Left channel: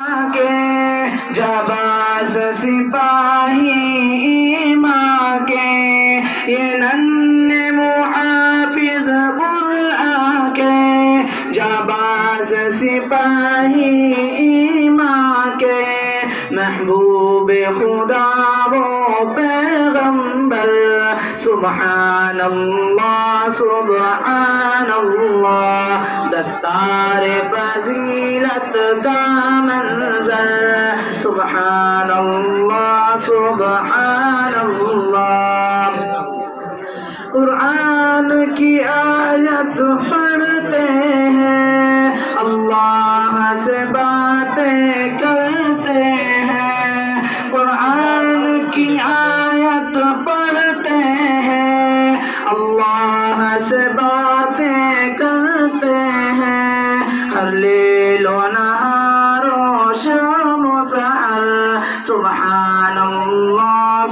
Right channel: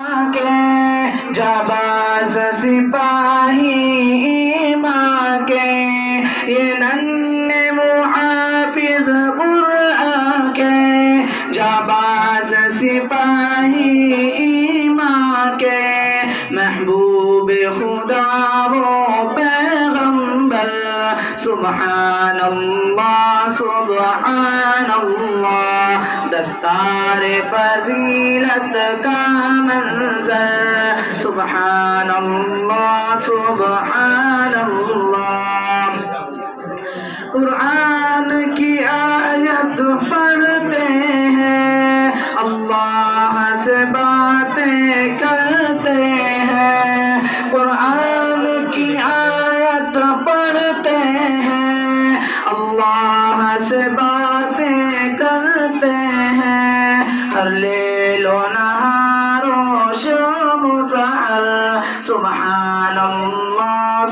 के जाबाज सिपाही माँ के ये नन्हे मुहाफिज कुरान के जाबाज सिपाही माँ के महबूब खुदा वो पैगंबर सुबहान अल्लाह दस्तार फजीलत का मंजर सुबहान अल्लाह कुरान की आयत पढ़ते हैं अल्लाह से बातें करते हैं कुरान की आयत पढ़ते हैं अल्लाह से बातें करते हैं हर लेलो नहारो शाम सहर सुबहान अल्लाह